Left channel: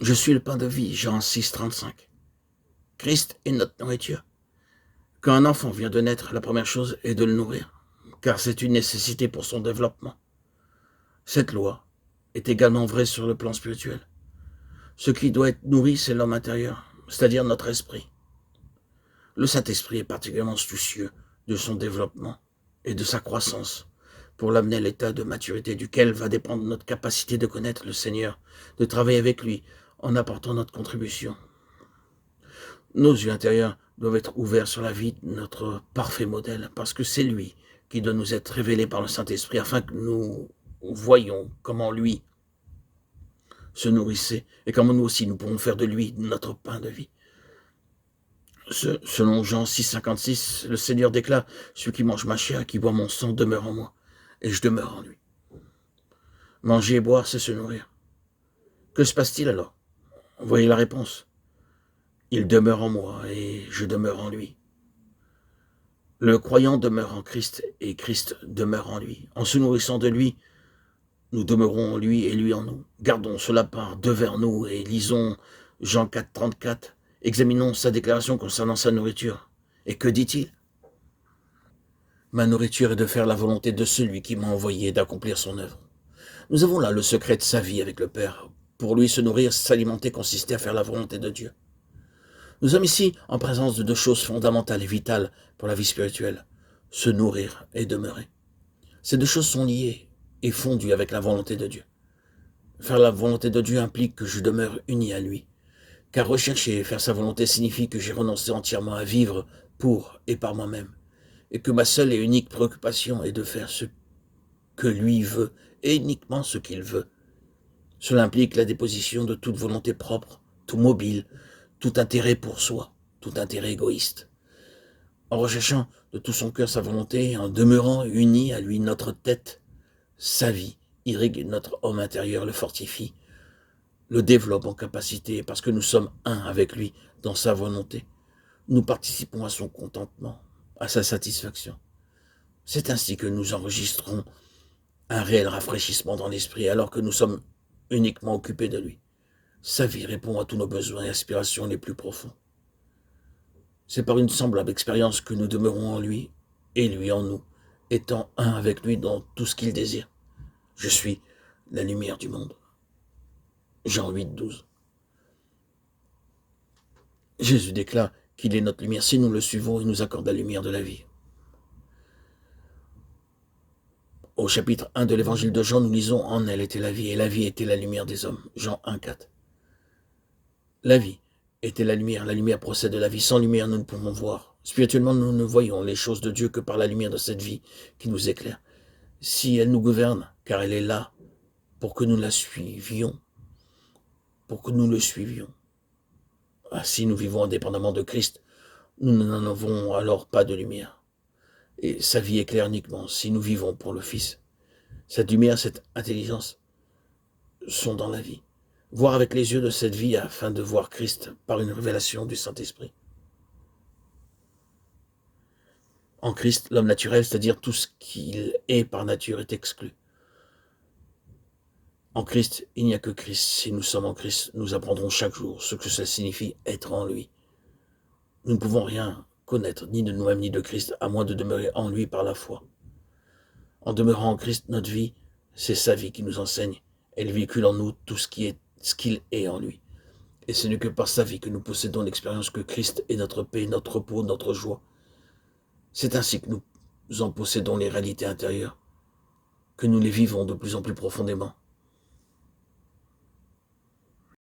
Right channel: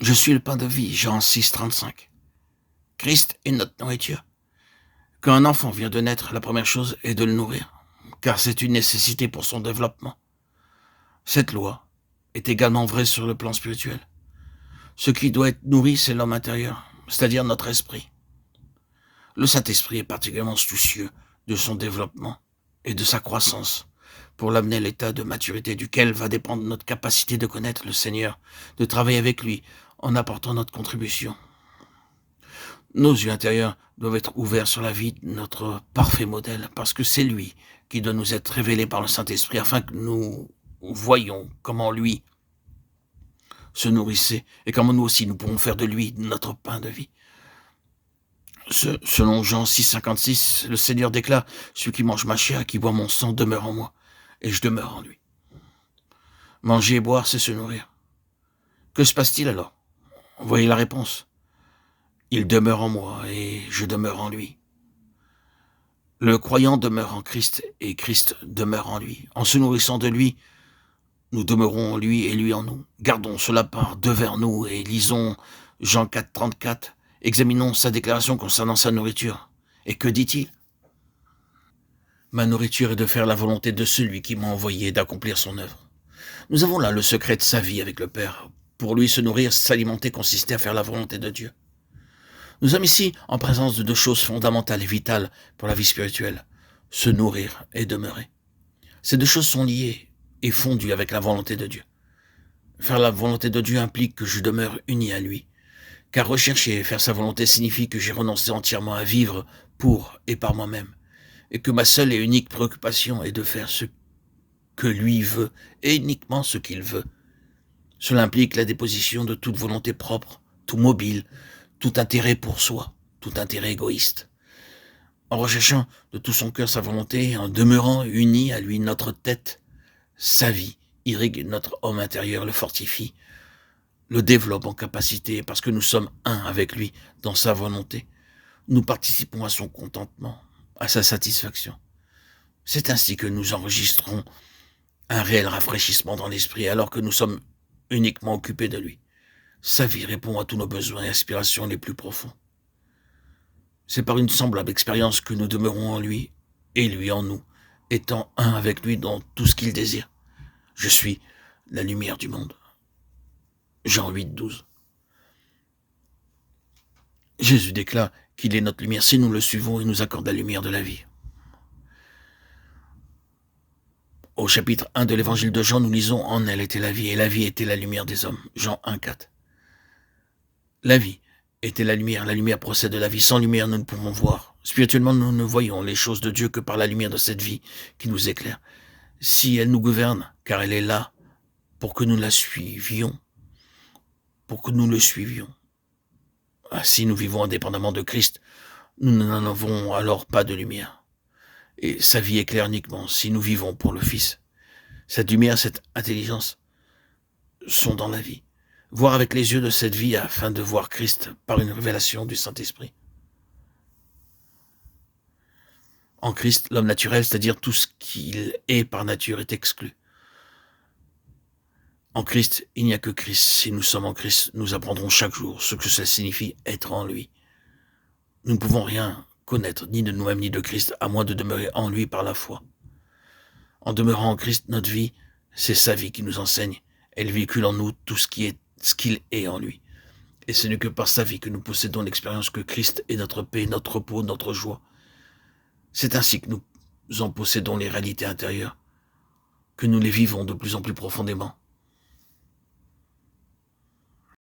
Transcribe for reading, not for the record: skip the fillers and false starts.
Je suis le pain de vie, Jean 6, 35. Christ est notre nourriture. Quand un enfant vient de naître, la première chose est de le nourrir, car c'est une nécessité pour son développement. Cette loi est également vraie sur le plan spirituel. Ce qui doit être nourri, c'est l'homme intérieur, c'est-à-dire notre esprit. Le Saint-Esprit est particulièrement soucieux de son développement et de sa croissance pour l'amener à l'état de maturité duquel va dépendre notre capacité de connaître le Seigneur, de travailler avec lui en apportant notre contribution. Nos yeux intérieurs doivent être ouverts sur la vie de notre parfait modèle, parce que c'est lui qui doit nous être révélé par le Saint-Esprit afin que nous voyions comment lui se nourrissait et comment nous aussi nous pouvons faire de lui notre pain de vie. Selon Jean 6, 56, le Seigneur déclare « Celui qui mange ma chair, qui boit mon sang, demeure en moi, et je demeure en lui. » Manger et boire, c'est se nourrir. Que se passe-t-il alors? Vous voyez la réponse. Il demeure en moi, et je demeure en lui. Le croyant demeure en Christ, et Christ demeure en lui. En se nourrissant de lui, nous demeurons en lui et lui en nous. Gardons cela par devers nous et lisons Jean 4, 34. Examinons sa déclaration concernant sa nourriture. Et que dit-il? Ma nourriture est de faire la volonté de celui qui m'a envoyé et d'accomplir son œuvre. Nous avons là le secret de sa vie avec le Père. Pour lui, se nourrir, s'alimenter consistait à faire la volonté de Dieu. Nous sommes ici en présence de deux choses fondamentales et vitales pour la vie spirituelle. Se nourrir et demeurer. Ces deux choses sont liées et fondues avec la volonté de Dieu. Faire la volonté de Dieu implique que je demeure uni à lui. Car rechercher et faire sa volonté signifie que j'ai renoncé entièrement à vivre pour et par moi-même, et que ma seule et unique préoccupation est de faire ce que lui veut, et uniquement ce qu'il veut. Cela implique la déposition de toute volonté propre, tout mobile, tout intérêt pour soi, tout intérêt égoïste. En recherchant de tout son cœur sa volonté, en demeurant uni à lui notre tête, sa vie irrigue notre homme intérieur, le fortifie, le développe en capacité, parce que nous sommes un avec lui dans sa volonté. Nous participons à son contentement, à sa satisfaction. C'est ainsi que nous enregistrons un réel rafraîchissement dans l'esprit, alors que nous sommes uniquement occupés de lui. Sa vie répond à tous nos besoins et aspirations les plus profonds. C'est par une semblable expérience que nous demeurons en lui et lui en nous, étant un avec lui dans tout ce qu'il désire. Je suis la lumière du monde. Jean 8, 12. Jésus déclare qu'il est notre lumière. Si nous le suivons, il nous accorde la lumière de la vie. Au chapitre 1 de l'évangile de Jean, nous lisons « En elle était la vie, et la vie était la lumière des hommes ». Jean 1, 4. La vie était la lumière procède de la vie. Sans lumière, nous ne pouvons voir. Spirituellement, nous ne voyons les choses de Dieu que par la lumière de cette vie qui nous éclaire. Si elle nous gouverne, car elle est là pour que nous la suivions, pour que nous le suivions. Si nous vivons indépendamment de Christ, nous n'en avons alors pas de lumière. Et sa vie éclaire uniquement si nous vivons pour le Fils. Cette lumière, cette intelligence sont dans la vie. Voir avec les yeux de cette vie afin de voir Christ par une révélation du Saint-Esprit. En Christ, l'homme naturel, c'est-à-dire tout ce qu'il est par nature, est exclu. En Christ, il n'y a que Christ. Si nous sommes en Christ, nous apprendrons chaque jour ce que cela signifie être en lui. Nous ne pouvons rien connaître, ni de nous-mêmes, ni de Christ, à moins de demeurer en lui par la foi. En demeurant en Christ, notre vie, c'est sa vie qui nous enseigne. Elle véhicule en nous tout ce qu'il est en lui. Et ce n'est que par sa vie que nous possédons l'expérience que Christ est notre paix, notre repos, notre joie. C'est ainsi que nous en possédons les réalités intérieures, que nous les vivons de plus en plus profondément.